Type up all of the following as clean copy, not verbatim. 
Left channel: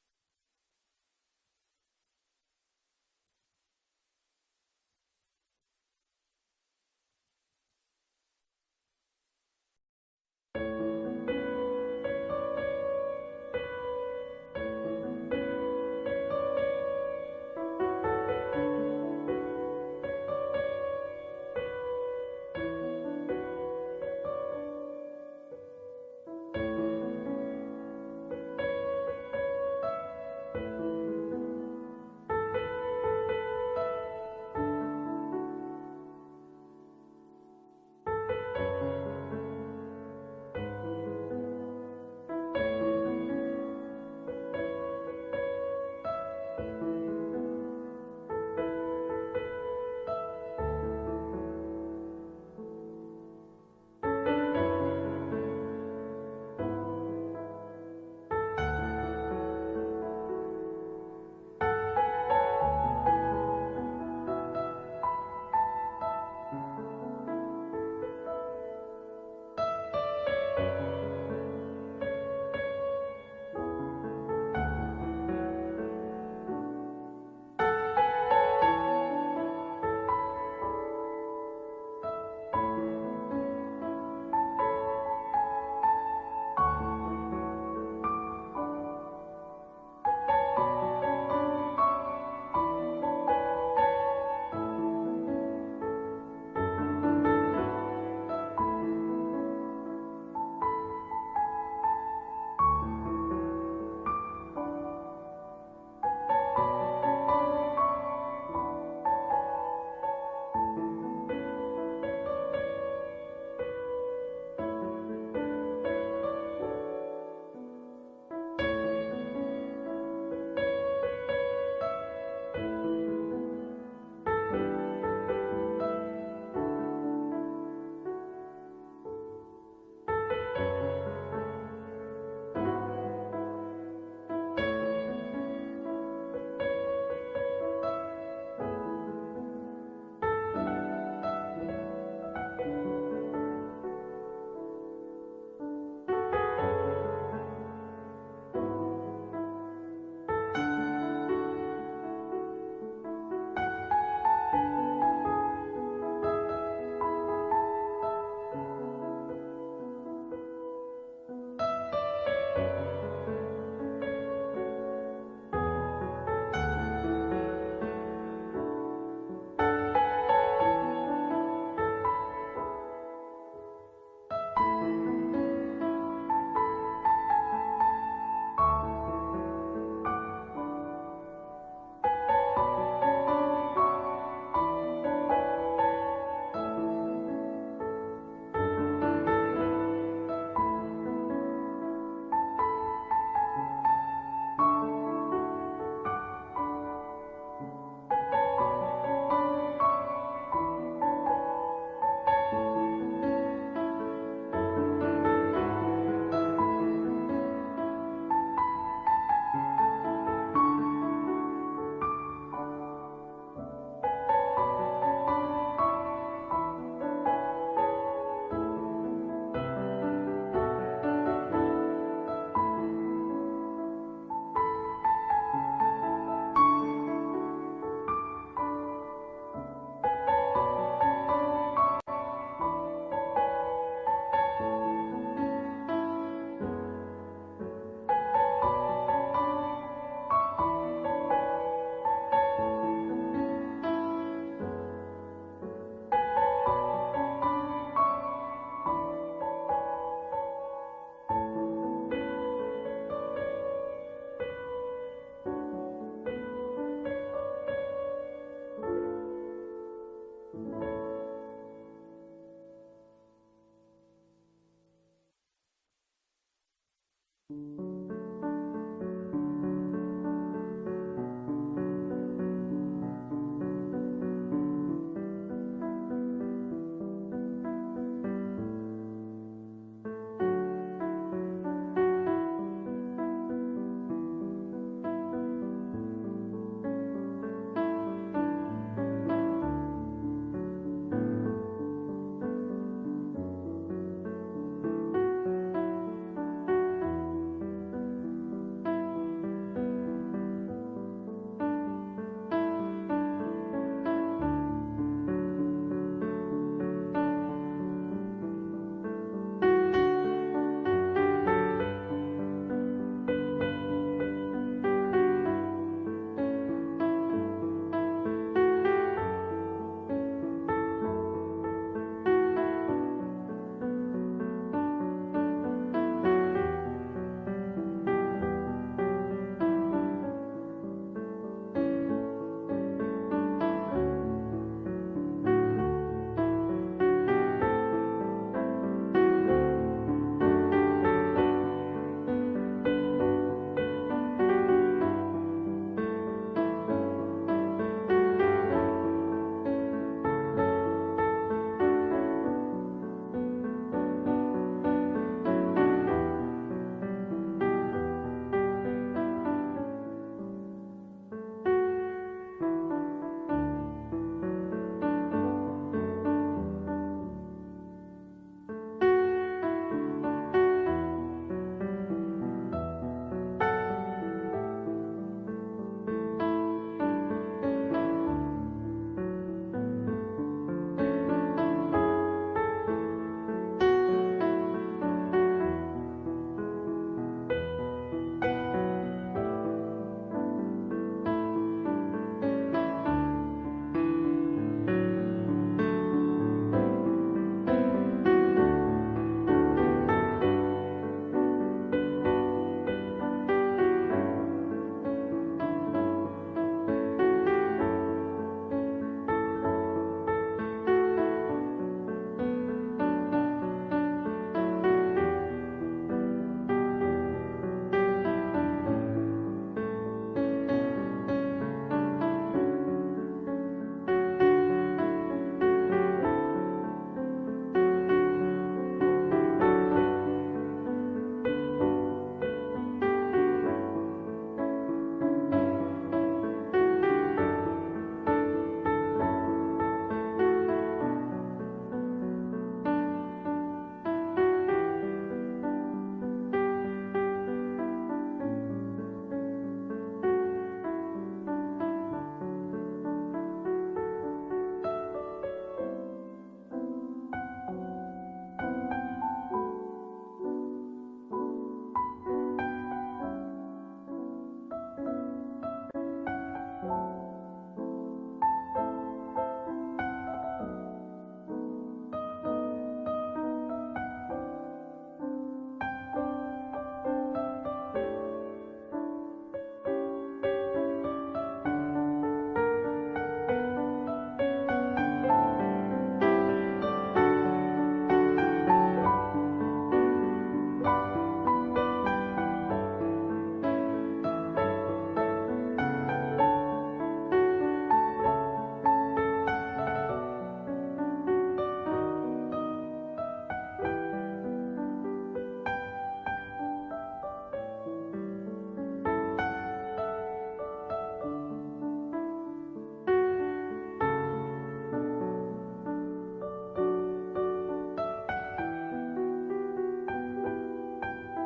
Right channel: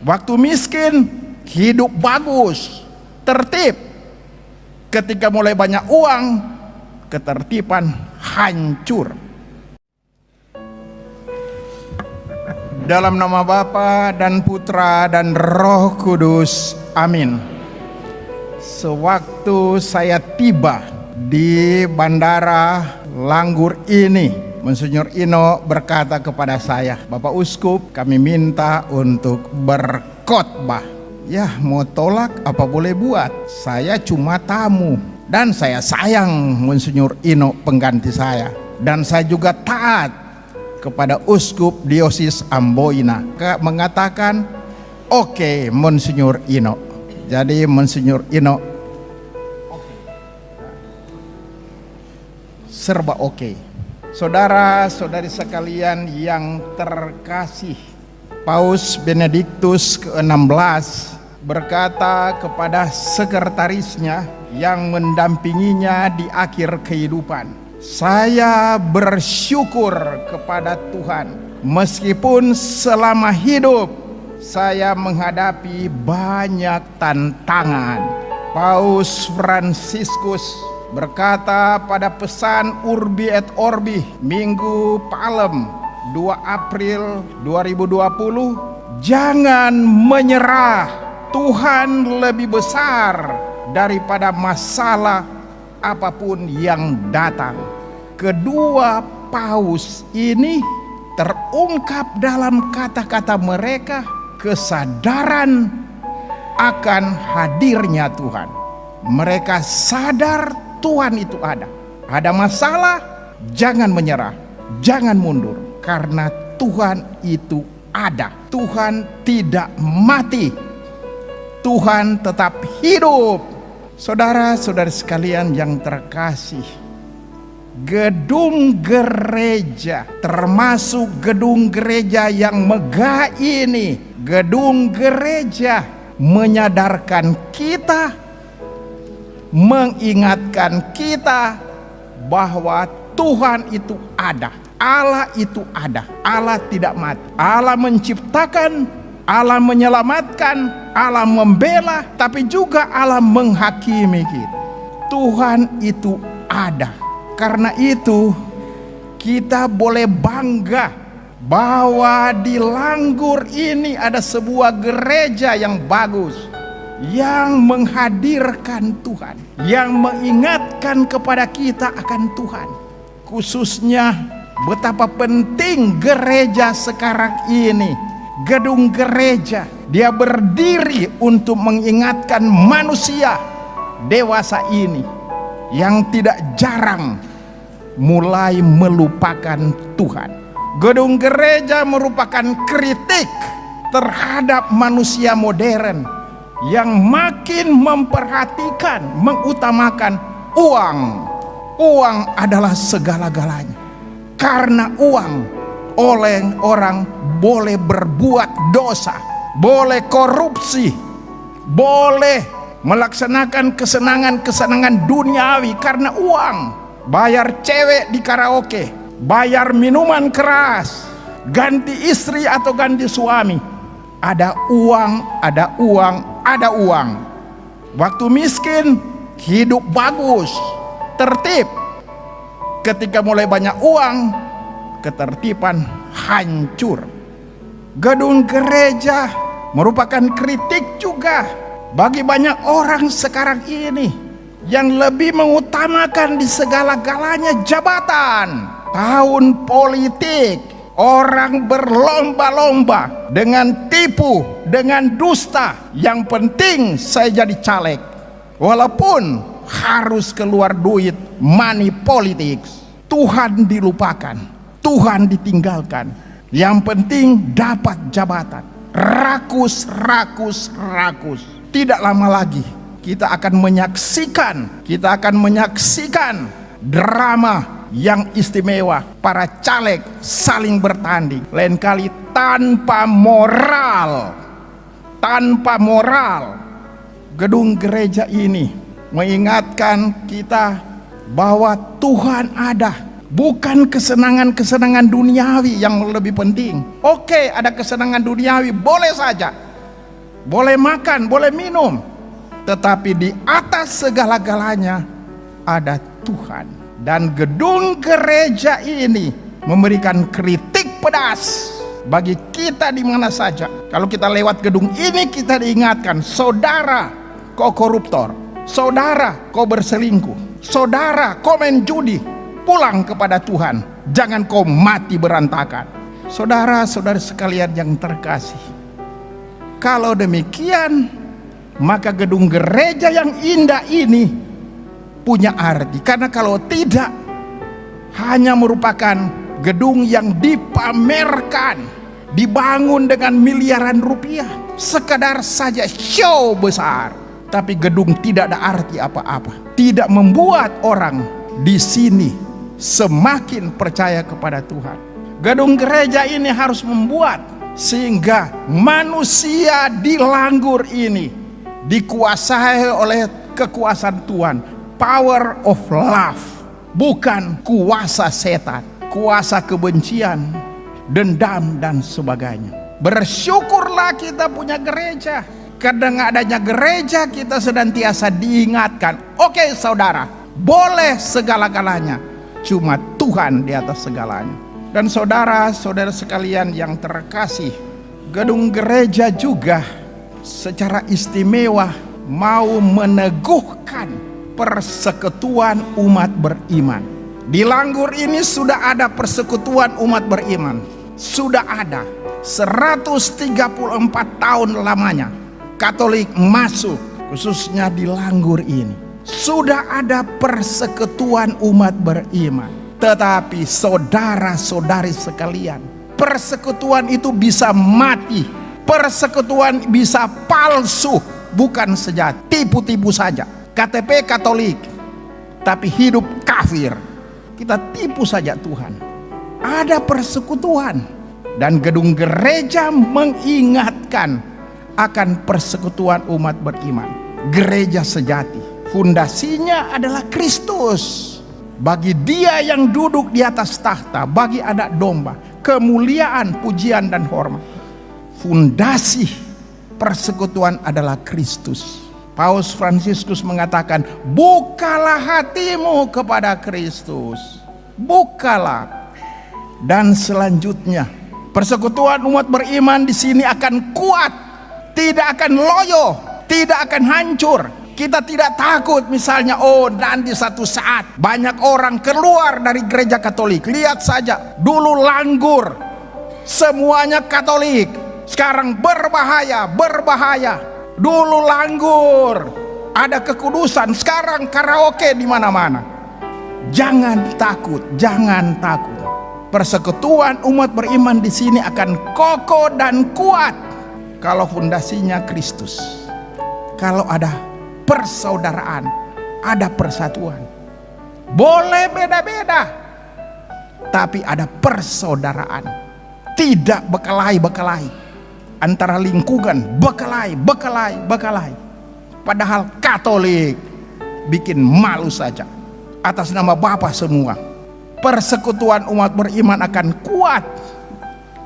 Waktu miskin, hidup bagus, tertib. Ketika mulai banyak uang, ketertiban hancur. Dalam nama Bapa dan Putra dan Roh Kudus, amin. Sewaktu saya tiba di Bandara Langgur ini, Monsinyur Ino berkata kepada saya, Bapak Uskup, kami minta untuk berkhotbah. Ya, mau tolak apa boleh buat, saya cuma tamu. Dan saya sayang Monsinyur Ino pengganti saya. Dan saya juga taat kepada Uskup Diosis Amboina, mengatakan oke, Monsinyur Ino. Jadi Monsinyur Ino serba oke. Saudara-saudari sekalian yang terkasih, Paus Benediktus ke-16 berkata kepada sekretarisnya yang mendampinginya di akhir kehidupan, saya bersyukur kepada Tuhan meskipun selama hidup saya menghadapi banyak tantangan. Paus Fransiskus berkata pada pesan Urbi et Orbi Minggu Palem 2 April 2020, jangan menyerah, Tuhan lebih besar daripada masalah apapun yang datang. Kedua paus ini terungkap dalam kata-kata mereka, kesadaran akan hadirnya Tuhan. Mereka sadar Tuhan itu ada. Ada masalah, jangan menyerah, jangan mundur, karena Tuhan itu ada. Tuhan tidak mati, Tuhan tetap hidup. Saudara-saudari sekalian yang terkasih, gedung gereja, termasuk gedung gereja yang megah ini, gedung gereja menyadarkan kita, mengingatkan kita bahwa Tuhan itu ada, Allah itu ada, Allah tidak mati, Allah menciptakan, Allah menyelamatkan, Allah membela, tapi juga Allah menghakimi kita. Tuhan itu ada. Karena itu kita boleh bangga bahwa di Langgur ini ada sebuah gereja yang bagus, yang menghadirkan Tuhan, yang mengingatkan kepada kita akan Tuhan. Khususnya betapa penting gereja sekarang ini. Gedung gereja, dia berdiri untuk mengingatkan manusia dewasa ini yang tidak jarang mulai melupakan Tuhan. Gedung gereja merupakan kritik terhadap manusia modern yang makin memperhatikan, mengutamakan uang. Uang adalah segala-galanya. Karena uang, oleh orang boleh berbuat dosa, boleh korupsi, boleh melaksanakan kesenangan-kesenangan duniawi karena uang. Bayar cewek di karaoke, bayar minuman keras, ganti istri atau ganti suami. Ada uang, ada uang, ada uang. Waktu miskin, hidup bagus, tertib. Ketika mulai banyak uang, ketertiban hancur. Gedung gereja merupakan kritik juga bagi banyak orang sekarang ini yang lebih mengutamakan di segala-galanya jabatan, tahun politik. Orang berlomba-lomba dengan tipu, dengan dusta. Yang penting saya jadi caleg, walaupun harus keluar duit, money politics. Tuhan dilupakan, Tuhan ditinggalkan. Yang penting dapat jabatan. Rakus. Tidak lama lagi kita akan menyaksikan drama yang istimewa. Para caleg saling bertanding, lain kali tanpa moral. Gedung gereja ini mengingatkan kita bahwa Tuhan ada. Bukan kesenangan-kesenangan duniawi yang lebih penting. Oke, ada kesenangan duniawi, boleh saja. boleh makan, boleh minum. Tetapi di atas segala-galanya ada Tuhan. Dan gedung gereja ini memberikan kritik pedas bagi kita di mana saja. Kalau kita lewat gedung ini, kita diingatkan, saudara kau koruptor, saudara kau berselingkuh, saudara kau main judi, pulang kepada Tuhan, jangan kau mati berantakan. Saudara-saudara sekalian yang terkasih, kalau demikian, maka gedung gereja yang indah ini punya arti. Karena kalau tidak, hanya merupakan gedung yang dipamerkan, dibangun dengan miliaran rupiah, sekedar saja show besar. Tapi gedung tidak ada arti apa-apa, tidak membuat orang di sini semakin percaya kepada Tuhan. Gedung gereja ini harus membuat sehingga manusia di Langgur ini dikuasai oleh kekuasaan Tuhan. Power of love, bukan kuasa setan, kuasa kebencian, dendam dan sebagainya. Bersyukurlah kita punya gereja. Karena adanya gereja kita senantiasa diingatkan, oke saudara, boleh segala-galanya, cuma Tuhan di atas segalanya. Dan saudara-saudara sekalian yang terkasih, gedung gereja juga secara istimewa mau meneguhkan persekutuan umat beriman. Di Langgur ini sudah ada persekutuan umat beriman. Sudah ada 134 tahun lamanya Katolik masuk, khususnya di Langgur ini. Sudah ada persekutuan umat beriman. Tetapi saudara-saudari sekalian, persekutuan itu bisa mati. Persekutuan bisa palsu, bukan sejati, tipu-tipu saja. KTP Katolik, tapi hidup kafir. Kita tipu saja Tuhan. Ada persekutuan. Dan gedung gereja mengingatkan akan persekutuan umat beriman. Gereja sejati, fundasinya adalah Kristus. Bagi dia yang duduk di atas tahta, bagi anak domba, kemuliaan, pujian dan hormat. Fundasi persekutuan adalah Kristus. Paus Fransiskus mengatakan, bukalah hatimu kepada Kristus. Bukalah. Dan selanjutnya, persekutuan umat beriman di sini akan kuat, tidak akan loyo, tidak akan hancur. Kita tidak takut misalnya, nanti satu saat banyak orang keluar dari gereja Katolik. Lihat saja, dulu Langgur semuanya Katolik, sekarang berbahaya. Dulu Langgur ada kekudusan, sekarang karaoke di mana-mana. Jangan takut, jangan takut. Persekutuan umat beriman di sini akan kokoh dan kuat kalau fondasinya Kristus. Kalau ada persaudaraan, ada persatuan. Boleh beda-beda, tapi ada persaudaraan. Tidak bekelahi antara lingkungan, bekelahi. Padahal Katolik bikin malu saja atas nama Bapa semua. Persekutuan umat beriman akan kuat.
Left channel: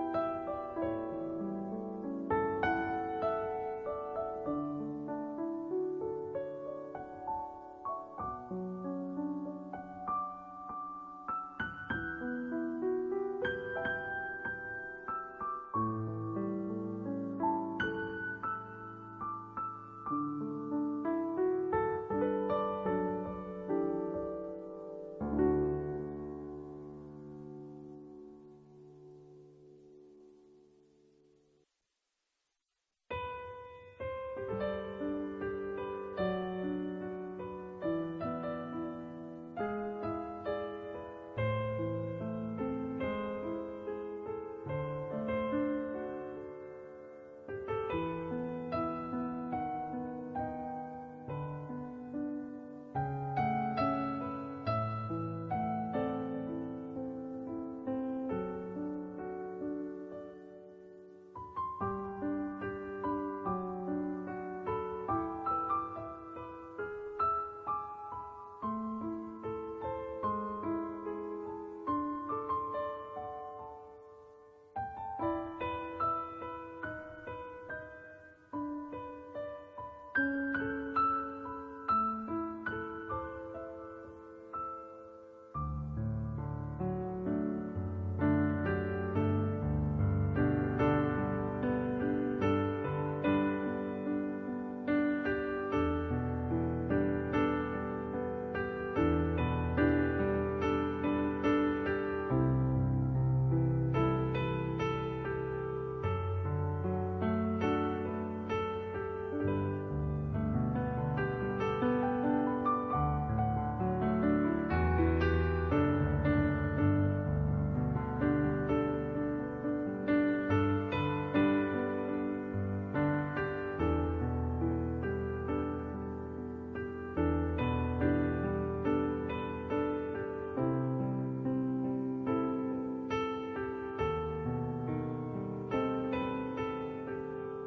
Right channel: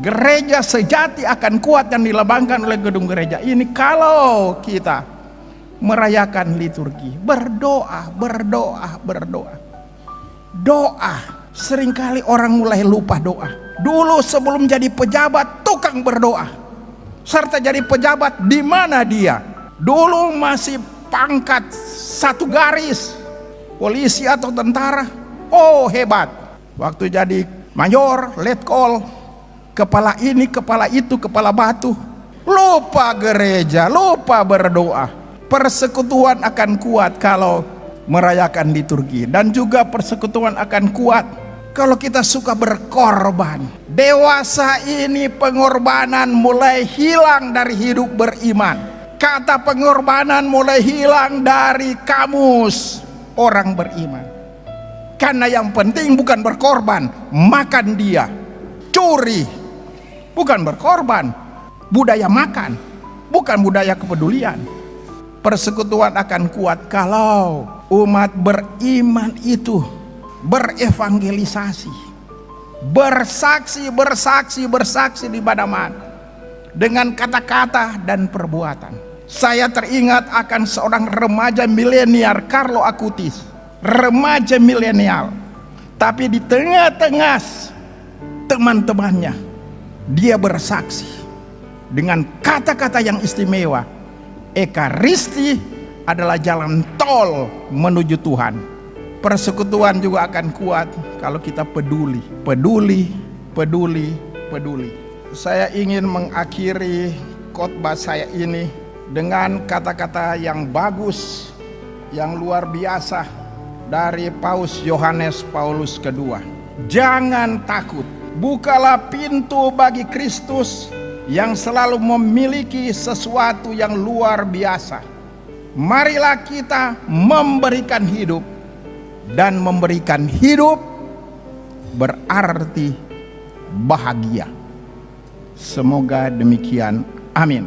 Gereja sejati akan kuat yang dilambangkan oleh gedung gereja ini kalau kita merayakan liturgi, berdoa. Doa. Seringkali orang mulai lupa doa. Dulu sebelum jadi pejabat, tukang berdoa. Serta jadi pejabat, di mana dia? Dulu masih pangkat satu garis, polisi atau tentara. Oh hebat. Waktu jadi mayor, letkol, kepala ini, kepala itu, kepala batu. Lupa gereja, lupa berdoa. Persekutuan akan kuat kalau merayakan liturgi. Dan juga persekutuan akan kuat kalau kita suka berkorban. Dewasa ini pengorbanan mulai hilang dari hidup beriman. Kata pengorbanan mulai hilang dari kamus orang beriman. Karena yang penting bukan berkorban, makan dia. Curi, bukan berkorban. Budaya makan, bukan budaya kepedulian. Persekutuan akan kuat kalau umat beriman itu berevangelisasi, bersaksi di mana-mana. dengan kata-kata dan perbuatan. Saya teringat akan seorang remaja milenial, Carlo Acutis. Remaja milenial, tapi di tengah-tengah teman-temannya, dia bersaksi dengan kata-kata yang istimewa. Ekaristi adalah jalan tol menuju Tuhan. Persekutuan juga akan kuat kalau kita peduli, peduli, peduli, peduli. Saya ingin mengakhiri khotbah saya ini dengan kata-kata yang bagus, yang luar biasa dari Paus Yohanes Paulus II. Jangan takut, bukalah pintu bagi Kristus yang selalu memiliki sesuatu yang luar biasa. Marilah kita memberikan hidup, dan memberikan hidup berarti bahagia. Semoga demikian. Amin.